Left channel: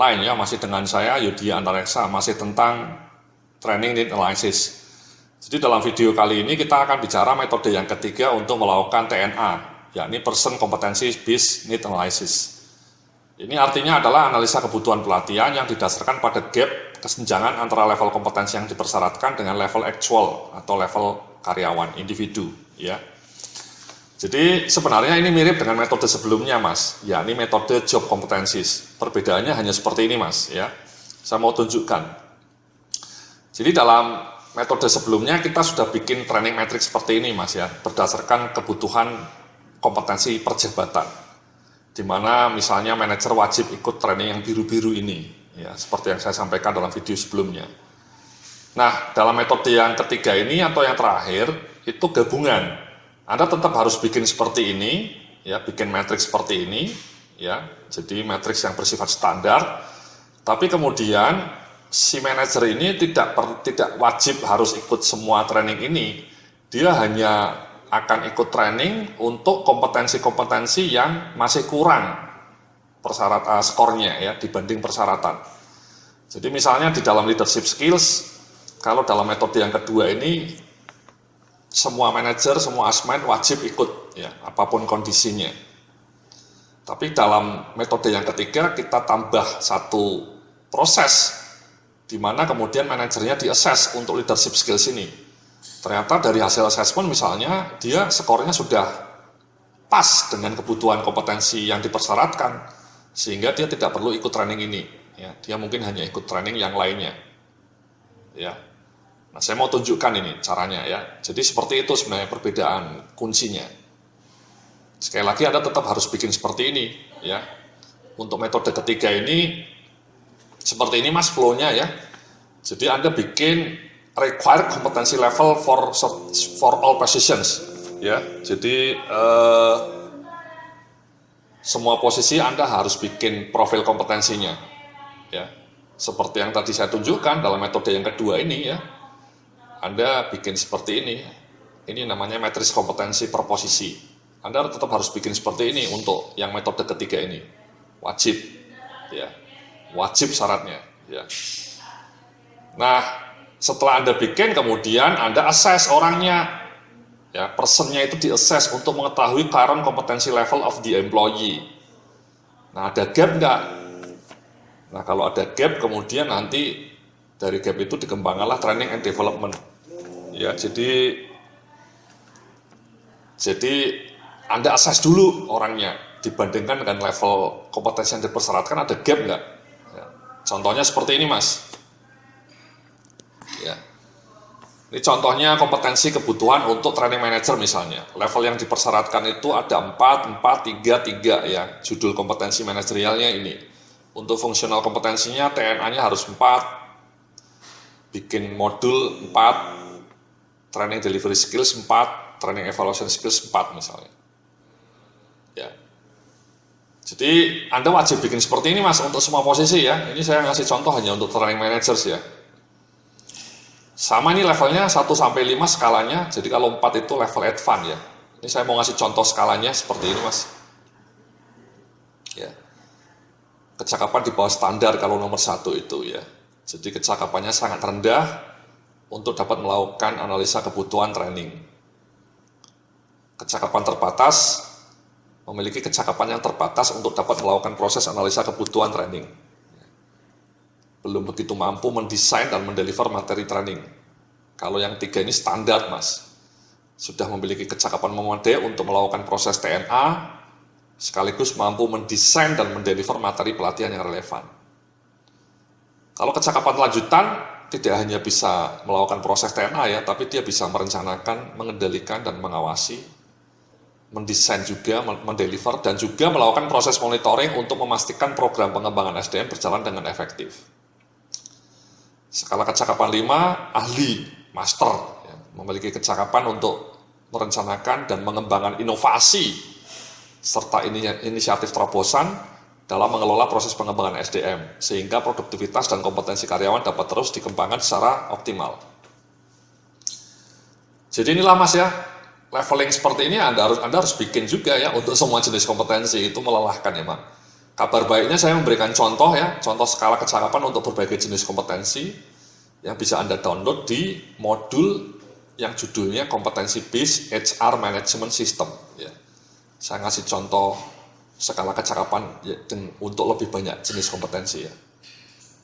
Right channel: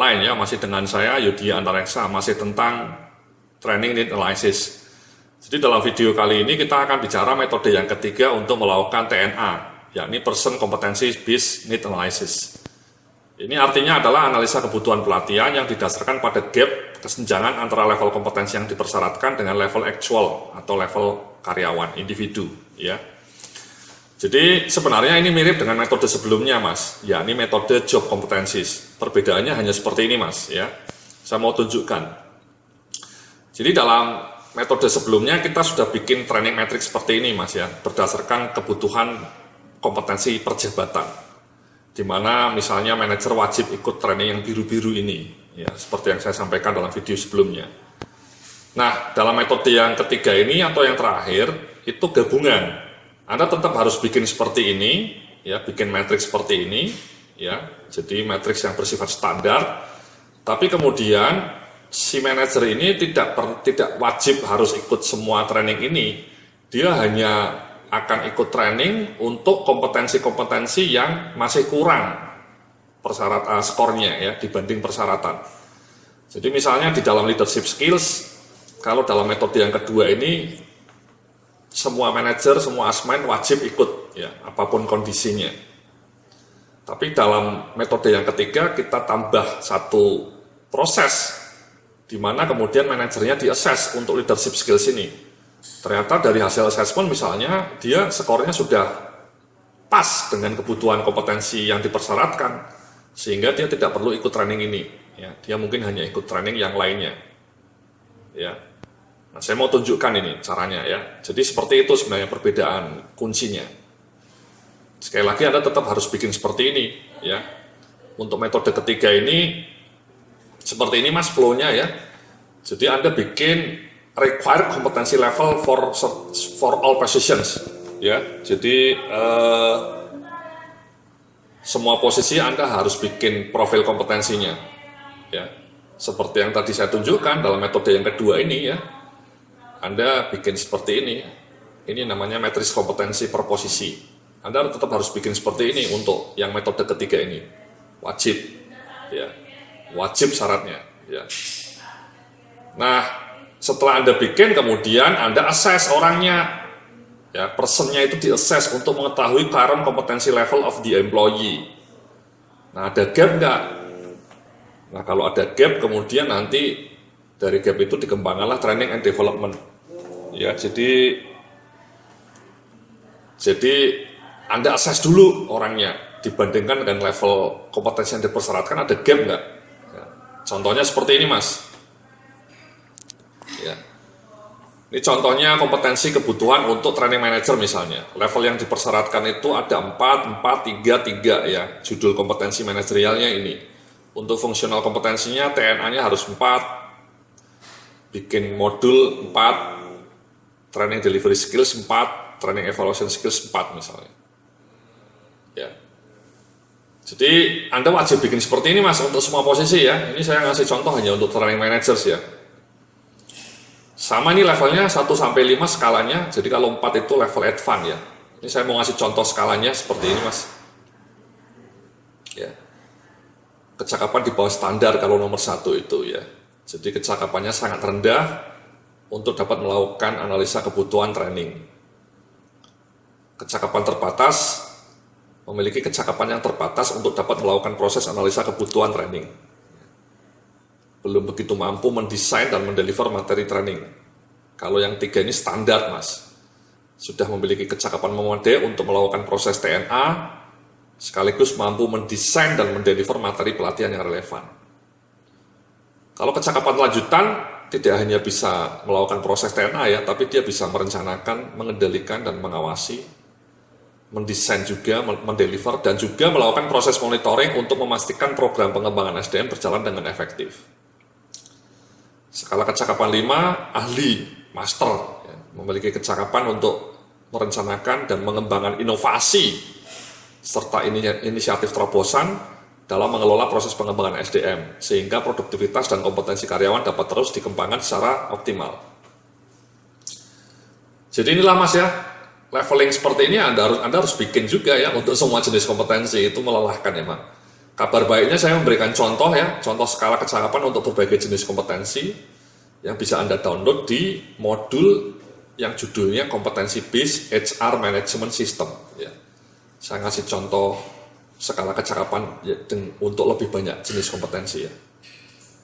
online ya, masih dengan saya Yudi Antareksa, masih tentang Training Need Analysis. Jadi dalam video kali ini kita akan bicara metode yang ketiga untuk melakukan TNA, yakni Person Competency Based Need Analysis. Ini artinya adalah analisa kebutuhan pelatihan yang didasarkan pada gap kesenjangan antara level kompetensi yang dipersyaratkan dengan level actual atau level karyawan, individu ya. Jadi sebenarnya ini mirip dengan metode sebelumnya Mas, yakni metode job competencies. Perbedaannya hanya seperti ini Mas ya. Saya mau tunjukkan. Jadi dalam metode sebelumnya kita sudah bikin training matrix seperti ini Mas ya, berdasarkan kebutuhan kompetensi perjabatan. Di mana misalnya manajer wajib ikut training yang biru-biru ini ya, seperti yang saya sampaikan dalam video sebelumnya. Nah, dalam metode yang ketiga ini atau yang terakhir itu gabungan. Anda tetap harus bikin seperti ini, ya, bikin matriks seperti ini, ya. Jadi matriks yang bersifat standar. Tapi kemudian si manajer ini tidak wajib harus ikut semua training ini. Dia hanya akan ikut training untuk kompetensi-kompetensi yang masih kurang persyaratan skornya ya dibanding persyaratan. Jadi misalnya di dalam leadership skills, kalau dalam metode yang kedua ini semua manajer, semua asmen wajib ikut ya, apapun kondisinya. Tapi dalam metode yang ketiga kita tambah satu proses di mana kemudian manajernya di-assess untuk leadership skills ini. Ternyata dari hasil assessment misalnya dia skornya sudah pas dengan kebutuhan kompetensi yang dipersyaratkan sehingga dia tidak perlu ikut training ini ya. Dia mungkin hanya ikut training yang lainnya. Ya. Nah, saya mau tunjukkan ini caranya ya. Jadi seperti itu sebenarnya perbedaan kuncinya. Sekali lagi Anda tetap harus bikin seperti ini ya. Untuk metode ketiga ini seperti ini Mas flow-nya ya. Jadi Anda bikin required competency level for all positions ya. Jadi semua posisi Anda harus bikin profil kompetensinya ya. Seperti yang tadi saya tunjukkan dalam metode yang kedua ini ya. Anda bikin seperti ini. Ini namanya matriks kompetensi per posisi. Anda tetap harus bikin seperti ini untuk yang metode ketiga ini. Wajib ya. Wajib syaratnya ya. Nah, setelah Anda bikin kemudian Anda assess orangnya. Ya, personnya itu di-assess untuk mengetahui current competency level of the employee. Nah, ada gap enggak? Nah, kalau ada gap kemudian nanti dari gap itu dikembangkanlah training and development. Ya, jadi Anda assess dulu orangnya dibandingkan dengan level kompetensi yang dipersyaratkan ada gap enggak? Ya, contohnya seperti ini Mas. Ya. Ini contohnya kompetensi kebutuhan untuk training manager misalnya. Level yang dipersyaratkan itu ada 4, 4, 3, 3 ya. Judul kompetensi manajerialnya ini. Untuk fungsional kompetensinya TNA-nya harus 4. Bikin modul 4. Training delivery skills 4, training evaluation skills 4 misalnya. Ya. Jadi Anda wajib bikin seperti ini Mas untuk semua posisi ya. Ini saya ngasih contoh hanya untuk training managers ya. Sama ini levelnya 1 sampai 5 skalanya. Jadi kalau 4 itu level advance ya. Ini saya mau ngasih contoh skalanya seperti ini Mas. Ya. Kecakapan di bawah standar kalau nomor 1 itu ya. Jadi kecakapannya sangat rendah untuk dapat melakukan analisa kebutuhan training. Kecakapan terbatas, memiliki kecakapan yang terbatas untuk dapat melakukan proses analisa kebutuhan training. Belum begitu mampu mendesain dan mendeliver materi training. Kalau yang 3 ini standar Mas. Sudah memiliki kecakapan memadai untuk melakukan proses TNA, sekaligus mampu mendesain dan mendeliver materi pelatihan yang relevan. Kalau kecakapan lanjutan, tidak hanya bisa melakukan proses TNA ya, tapi dia bisa merencanakan, mengendalikan dan mengawasi, mendesain juga, mendeliver dan juga melakukan proses monitoring untuk memastikan program pengembangan SDM berjalan dengan efektif. Skala kecakapan 5, ahli, master, ya, memiliki kecakapan untuk merencanakan dan mengembangkan inovasi serta inisiatif terobosan dalam mengelola proses pengembangan SDM, sehingga produktivitas dan kompetensi karyawan dapat terus dikembangkan secara optimal. Jadi inilah Mas ya, leveling seperti ini Anda harus bikin juga ya untuk semua jenis kompetensi, itu melelahkan emang. Kabar baiknya saya memberikan contoh ya, contoh skala kecakapan untuk berbagai jenis kompetensi yang bisa Anda download di modul yang judulnya kompetensi based HR management system ya. Saya ngasih contoh skala kecakapan ya, untuk lebih banyak jenis kompetensi ya.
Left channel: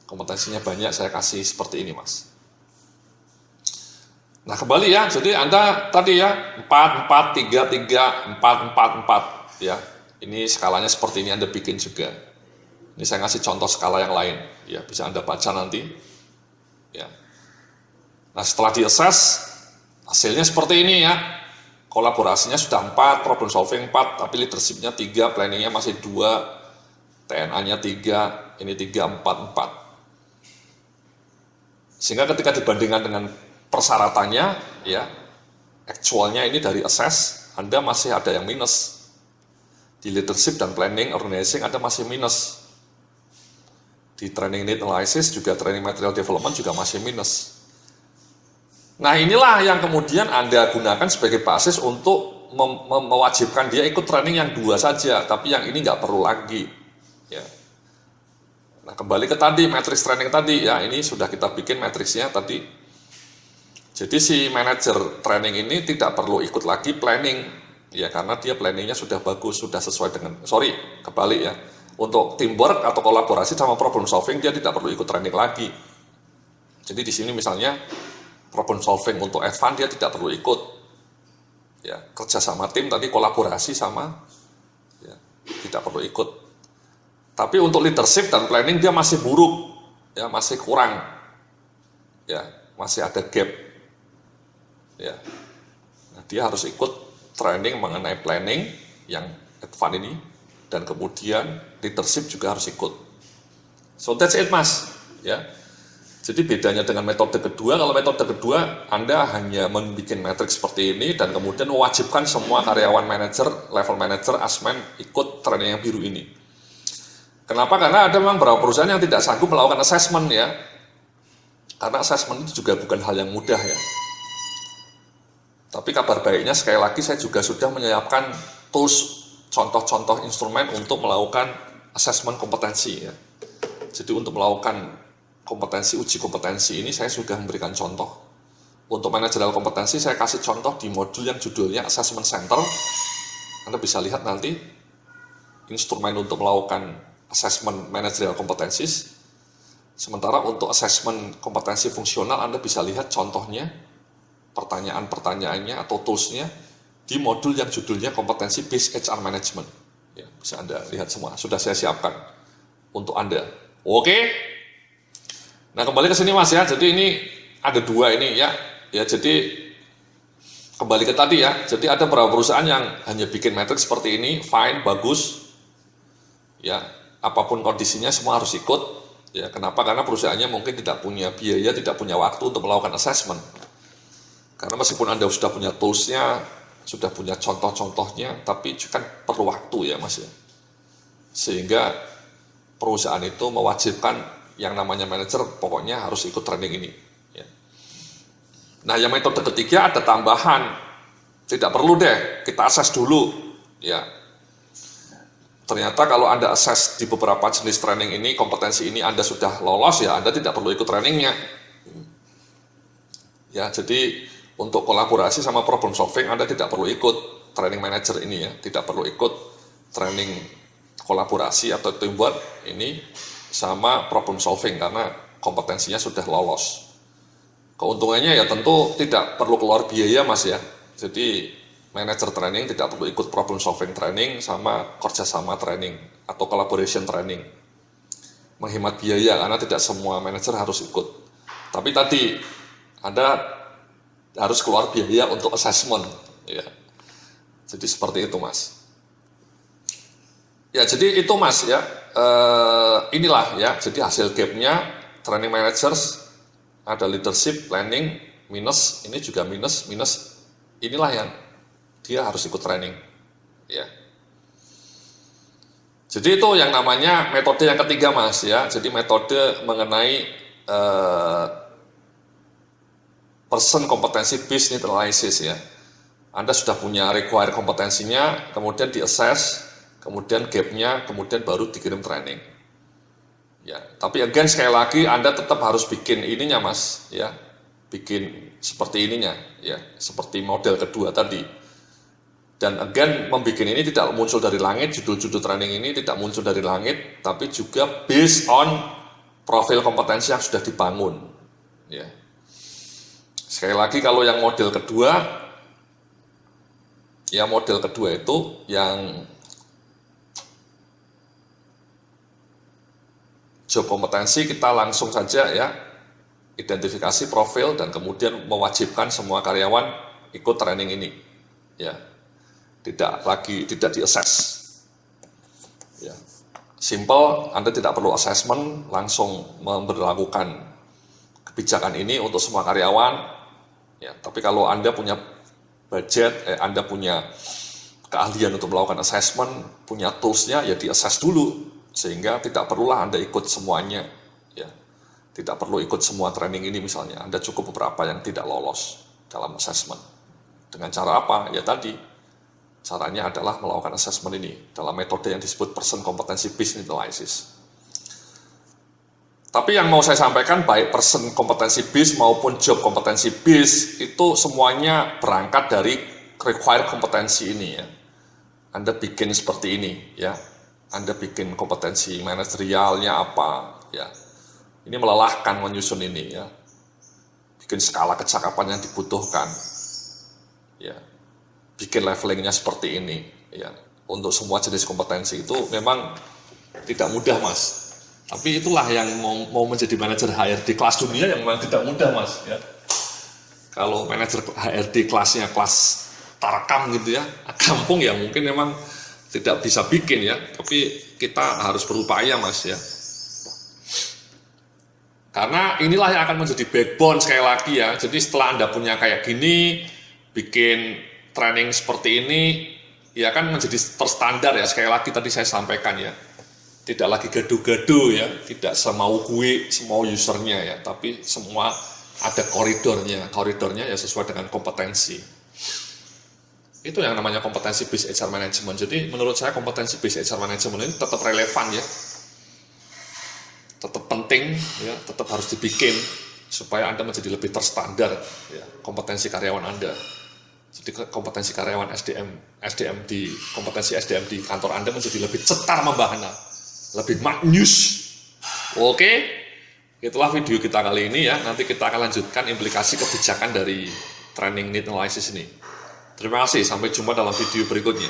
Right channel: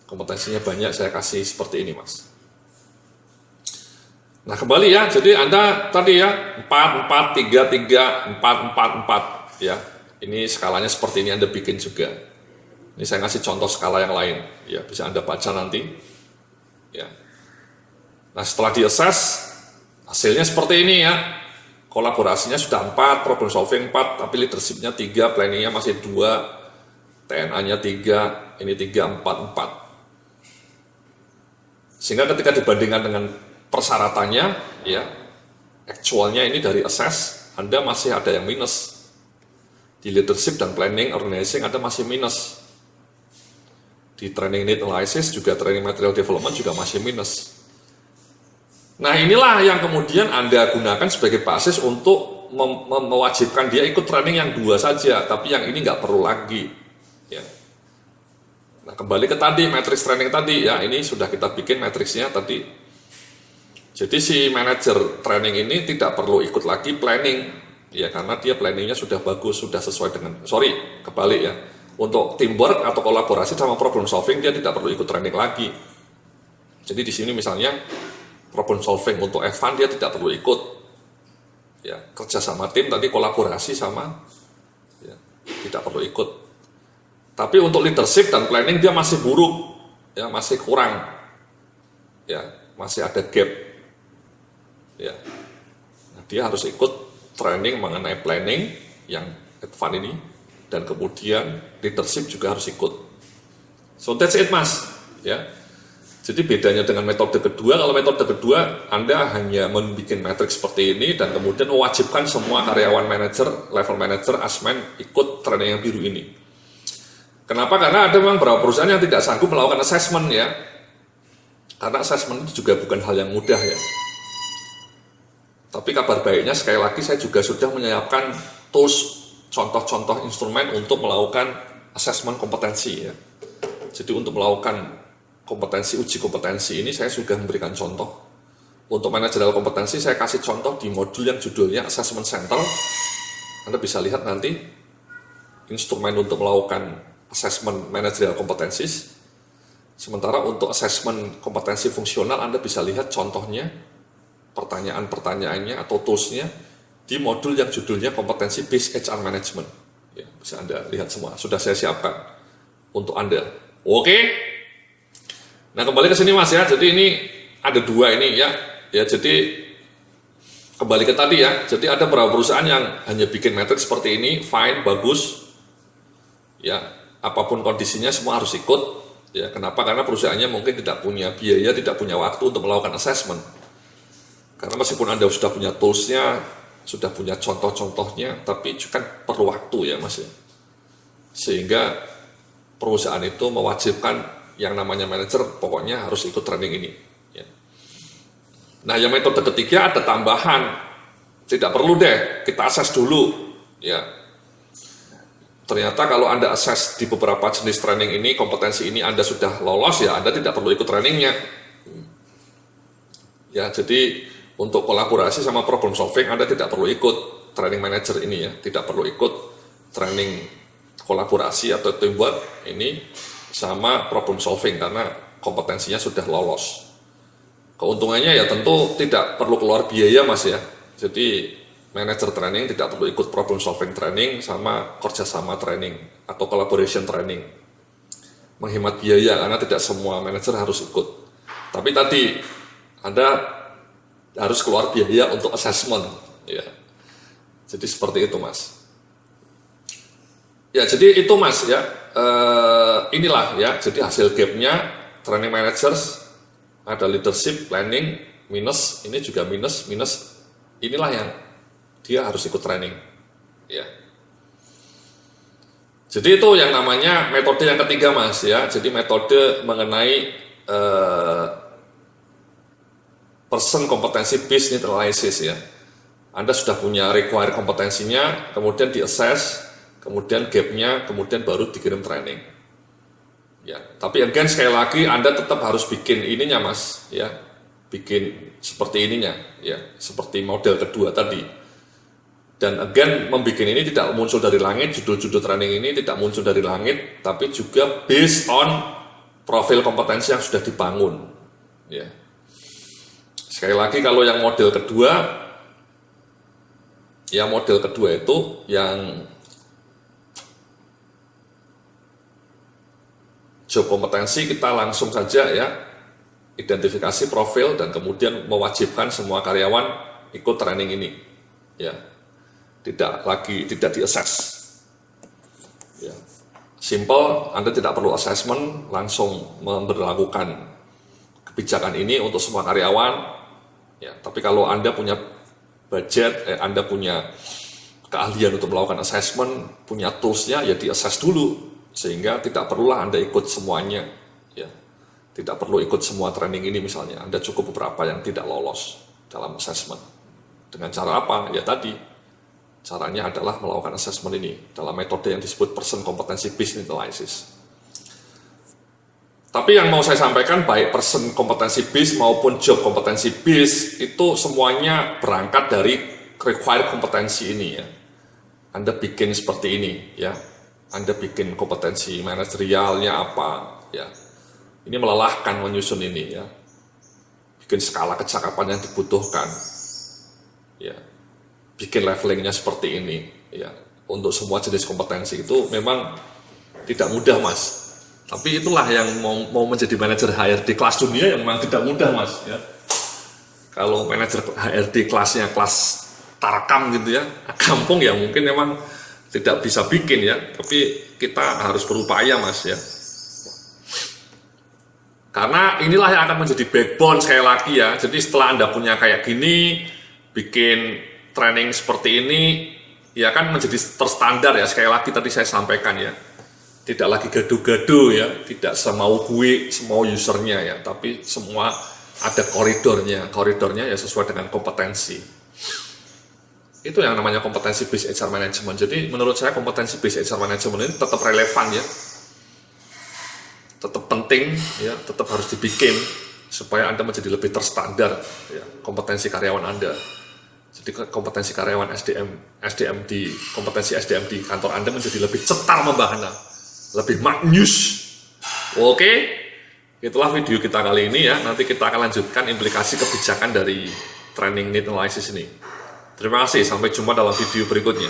Kompetensinya banyak, saya kasih seperti ini Mas. Nah kembali ya, jadi Anda tadi ya 4, 4, 3, 3, 4, 4, 4 ya. Ini skalanya seperti ini Anda bikin juga. Ini saya ngasih contoh skala yang lain, ya bisa Anda baca nanti. Ya. Nah setelah di-assess, hasilnya seperti ini ya. Kolaborasinya sudah 4, problem solving 4, tapi leadership-nya 3, planning-nya masih 2, TNA-nya 3, ini 3, 4, 4. Sehingga ketika dibandingkan dengan persyaratannya, ya, actualnya ini dari assess, Anda masih ada yang minus. Di leadership dan planning, organizing ada masih minus. Di training need analysis juga training material development juga masih minus. Nah inilah yang kemudian Anda gunakan sebagai basis untuk mewajibkan dia ikut training yang 2 saja, tapi yang ini nggak perlu lagi. Ya. Nah kembali ke tadi, matrix training tadi, ya ini sudah kita bikin matriksnya tadi. Jadi si manajer training ini tidak perlu ikut lagi planning. Ya karena dia planningnya sudah bagus, sudah sesuai dengan, kebalik ya. Untuk teamwork atau kolaborasi sama problem solving dia tidak perlu ikut training lagi. Jadi di sini misalnya problem solving untuk advance dia tidak perlu ikut. Ya kerja sama tim tadi kolaborasi sama, ya, tidak perlu ikut. Tapi untuk leadership dan planning dia masih buruk, ya masih kurang, ya masih ada gap. Ya, nah, dia harus ikut training mengenai planning yang advance ini dan kemudian leadership juga harus ikut. So that's it Mas ya. Jadi bedanya dengan metode kedua, kalau metode kedua Anda hanya membuat matriks seperti ini dan kemudian mewajibkan semua karyawan manajer, level manager, asmen ikut training yang biru ini. Kenapa? Karena ada memang beberapa perusahaan yang tidak sanggup melakukan assessment ya. Karena assessment itu juga bukan hal yang mudah ya. Tapi kabar baiknya sekali lagi saya juga sudah menyiapkan tools, contoh-contoh instrumen untuk melakukan assessment kompetensi ya. Jadi untuk melakukan kompetensi, uji kompetensi ini saya sudah memberikan contoh. Untuk manajerial kompetensi saya kasih contoh di modul yang judulnya Assessment Center. Anda bisa lihat nanti instrumen untuk melakukan assessment manajerial kompetensi. Sementara untuk assessment kompetensi fungsional Anda bisa lihat contohnya, pertanyaan-pertanyaannya atau toolsnya di modul yang judulnya kompetensi based HR management. Ya, bisa Anda lihat semua, sudah saya siapkan untuk Anda. Oke. Nah kembali ke sini Mas ya, jadi ini ada 2 ini ya. Ya jadi kembali ke tadi ya, jadi ada beberapa perusahaan yang hanya bikin matriks seperti ini, fine, bagus. Ya, apapun kondisinya semua harus ikut. Ya, kenapa? Karena perusahaannya mungkin tidak punya biaya, tidak punya waktu untuk melakukan assessment. Karena meskipun Anda sudah punya toolsnya, sudah punya contoh-contohnya, tapi kan perlu waktu ya Mas ya. Sehingga perusahaan itu mewajibkan yang namanya manajer pokoknya harus ikut training ini. Ya. Nah yang metode ketiga ada tambahan, tidak perlu deh kita assess dulu. Ya. Ternyata kalau Anda assess di beberapa jenis training ini, kompetensi ini Anda sudah lolos ya Anda tidak perlu ikut trainingnya. Ya jadi untuk kolaborasi sama problem solving Anda tidak perlu ikut training manager ini ya, tidak perlu ikut training kolaborasi atau teamwork ini sama problem solving karena kompetensinya sudah lolos. Keuntungannya ya tentu tidak perlu keluar biaya Mas ya. Jadi manager training tidak perlu ikut problem solving training sama kerjasama training atau collaboration training. Menghemat biaya karena tidak semua manajer harus ikut. Tapi tadi Anda harus keluar biaya untuk assessment ya. Jadi seperti itu Mas. Ya jadi itu Mas ya. Inilah ya. Jadi hasil gapnya training managers ada leadership, planning minus, ini juga minus. Inilah yang dia harus ikut training ya. Jadi itu yang namanya metode yang ketiga Mas ya. Jadi metode mengenai person kompetensi based need analysis ya. Anda sudah punya require kompetensinya, kemudian di assess, kemudian gapnya, kemudian baru dikirim training. Ya, tapi again sekali lagi Anda tetap harus bikin ininya Mas, ya, bikin seperti ininya, ya, seperti model kedua tadi. Dan again membuat ini tidak muncul dari langit, judul-judul training ini tidak muncul dari langit, tapi juga based on profil kompetensi yang sudah dibangun. Ya. Sekali lagi kalau yang model kedua, ya model kedua itu yang job kompetensi kita langsung saja ya identifikasi profil dan kemudian mewajibkan semua karyawan ikut training ini, ya, tidak di-assess, ya. Simple, Anda tidak perlu assessment, langsung memberlakukan kebijakan ini untuk semua karyawan, ya. Tapi kalau Anda punya budget, Anda punya keahlian untuk melakukan assessment, punya toolsnya, ya di-assess dulu, sehingga tidak perlulah Anda ikut semuanya, ya. Tidak perlu ikut semua training ini misalnya, Anda cukup beberapa yang tidak lolos dalam assessment. Dengan cara apa? Ya tadi, caranya adalah melakukan assessment ini dalam metode yang disebut person competency based analysis. Tapi yang mau saya sampaikan, baik person competency based maupun job competency based itu semuanya berangkat dari required kompetensi ini, ya. Anda bikin seperti ini, ya. Anda bikin kompetensi manajerialnya apa, ya. Ini melelahkan menyusun ini, ya. Bikin skala kecakapan yang dibutuhkan, ya. Bikin levelingnya seperti ini, ya. Untuk semua jenis kompetensi itu memang tidak mudah, Mas. Tapi itulah yang mau menjadi manajer HRD kelas dunia yang memang tidak mudah, Mas, ya. Kalau manajer HRD kelasnya kelas Tarkam gitu ya, kampung ya mungkin memang tidak bisa bikin ya, tapi kita harus berupaya, Mas, ya. Karena inilah yang akan menjadi backbone sekali lagi ya. Jadi setelah Anda punya kayak gini, bikin training seperti ini, ya kan menjadi terstandar ya. Sekali lagi tadi saya sampaikan ya, tidak lagi gaduh-gaduh ya, tidak semau gue, semau usernya ya, tapi semua ada koridornya ya sesuai dengan kompetensi. Itu yang namanya kompetensi based HR management. Jadi menurut saya kompetensi based HR management ini tetap relevan ya, tetap penting ya, tetap harus dibikin supaya Anda menjadi lebih terstandar ya, kompetensi karyawan Anda. Jadi kompetensi karyawan SDM di kompetensi SDM di kantor Anda menjadi lebih cetar membahana, lebih maknyus. Oke, itulah video kita kali ini ya. Nanti kita akan lanjutkan implikasi kebijakan dari training need analysis ini. Terima kasih, sampai jumpa dalam video berikutnya.